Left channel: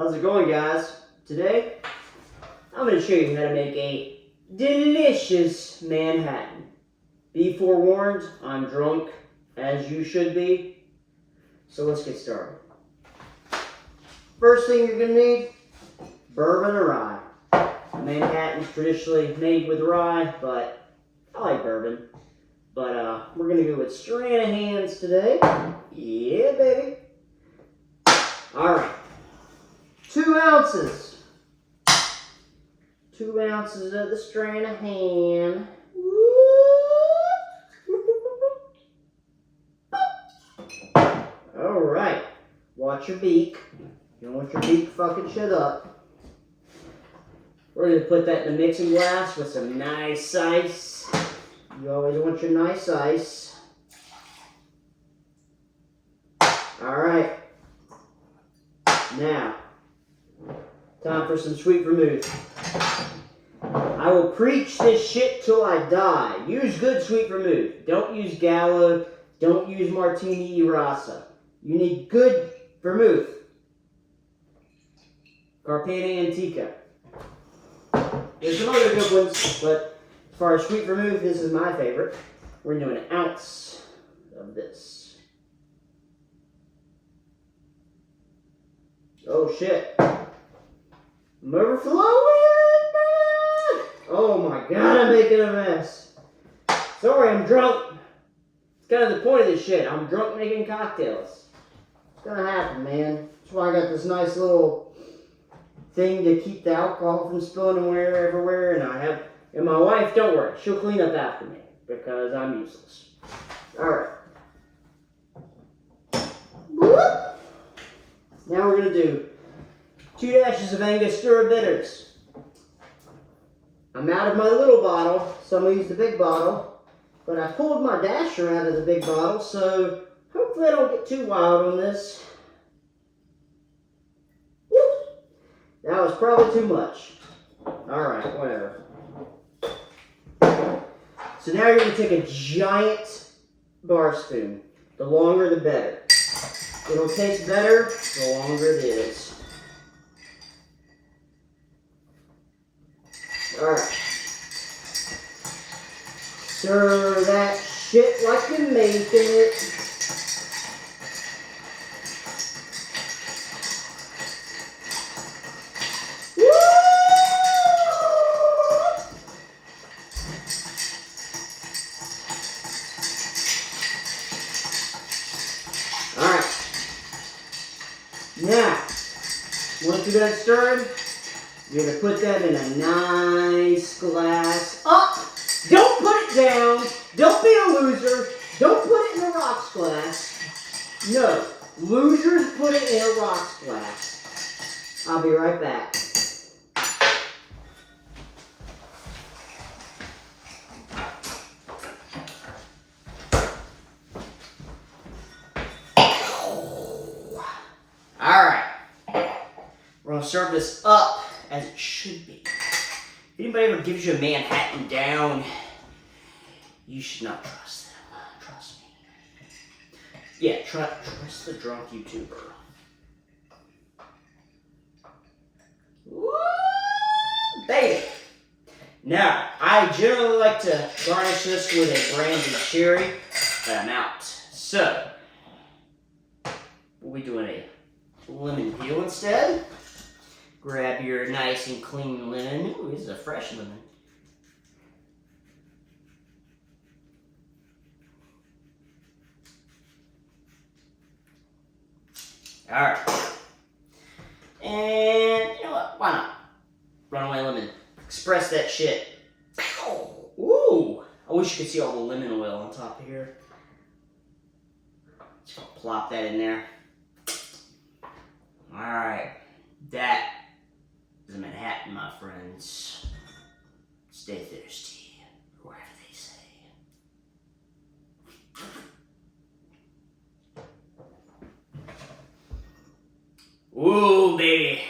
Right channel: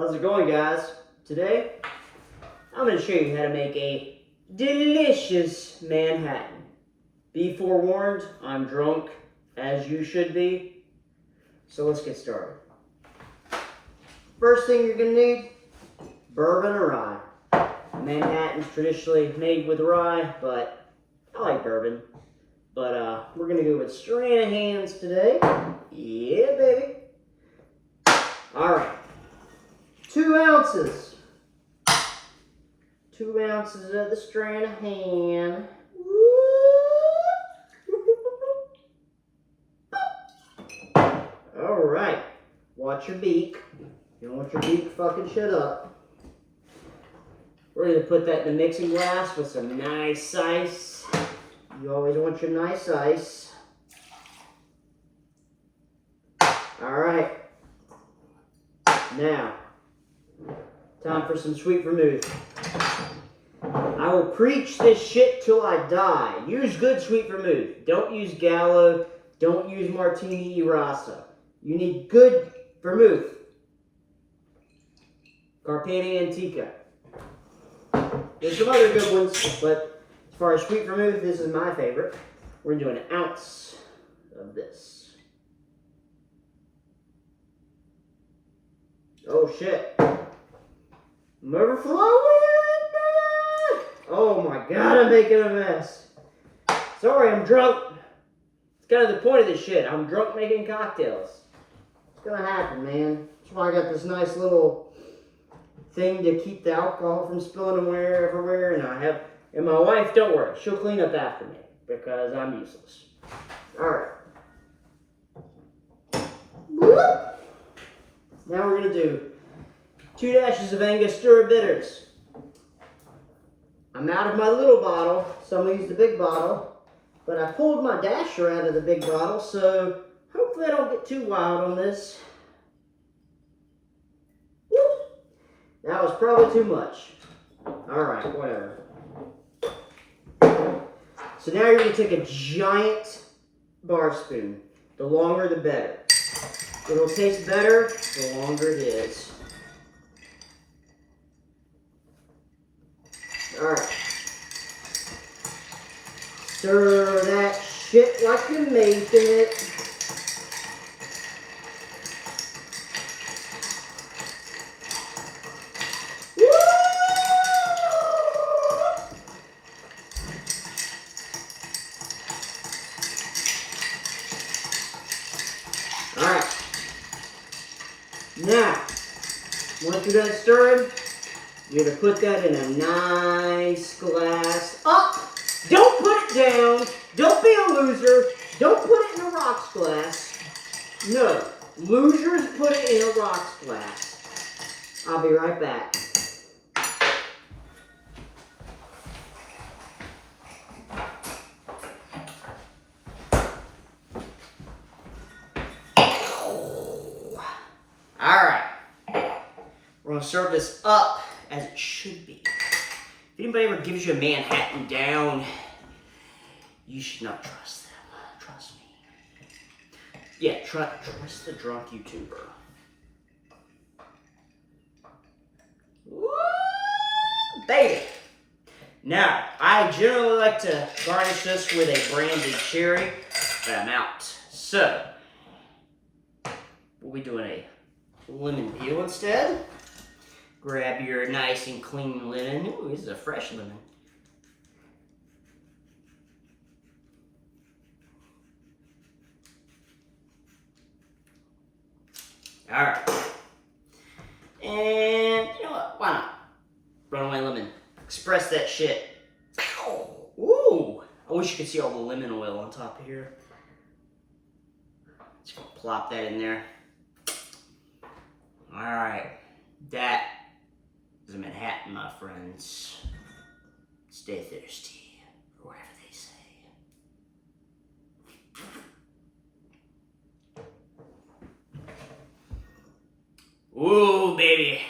How's it going, guys? Today, I'm going to show you how to make a delicious Manhattan. Be forewarned, I'm drunk, as you should be. So let's get started. First thing you're going to need, bourbon or rye. Manhattan's traditionally made with rye, but I like bourbon. But we're going to go with Stranahan's today. Yeah, baby. All right. 2 ounces. 2 ounces of the Stranahan. All right. Watch your beak. You don't want your beak fucking shut up. We're going to put that in the mixing glass with some nice ice. You always want your nice ice. All right. Now, time for some sweet vermouth. I will preach this shit till I die. Use good sweet vermouth. Don't use Gallo. Don't use Martini Rasa. You need good vermouth. Carpani Antica. There's some other good ones, but as far as sweet vermouth, this is my favorite. We're doing an ounce of this. Oh shit. I'm overflowing! Oh my god, I'm making a mess. Sorry, I'm drunk. It's kind of the point of this shit. I'm drunk making cocktails. It's gonna happen, man. That's why I got this nice little thing to keep the alcohol from spilling everywhere. And my wife, don't worry, she'll clean up after me because I'm useless. Alright. Now we're going to do 2 dashes of Angostura bitters. I'm out of my little bottle, so I'm going to use the big bottle. But I pulled my dasher out of the big bottle, so hopefully I don't get too wild on this. Woo! That was probably too much. Alright, whatever. So now you're going to take a giant bar spoon. The longer the better. It'll taste better the longer it is. Alright. Stir that shit like you're making it. Alright. Now, once you're done stirring, you're going to put that in a nice glass. Up! Don't put it down. Don't be a loser. Don't put it in a rocks glass. No. Losers put it in a rocks glass. I'll be right back. Alright. We're going to serve this up as it should be. If anybody ever gives you a Manhattan down, you should not trust them. Trust me. Yeah, trust the drunk YouTuber. Woo! Baby! Now, I generally like to garnish this with a brandy cherry, but I'm out. So, we'll be doing a lemon peel instead. Grab your nice and clean lemon. Ooh, this is a fresh lemon. Alright. And you know what? Why not? Runaway lemon. Express that shit. Ooh! I wish you could see all the lemon oil on top of here. Just gonna plop that in there. Alright. That is a Manhattan, my friends. Stay thirsty, or whatever they say. Ooh, baby.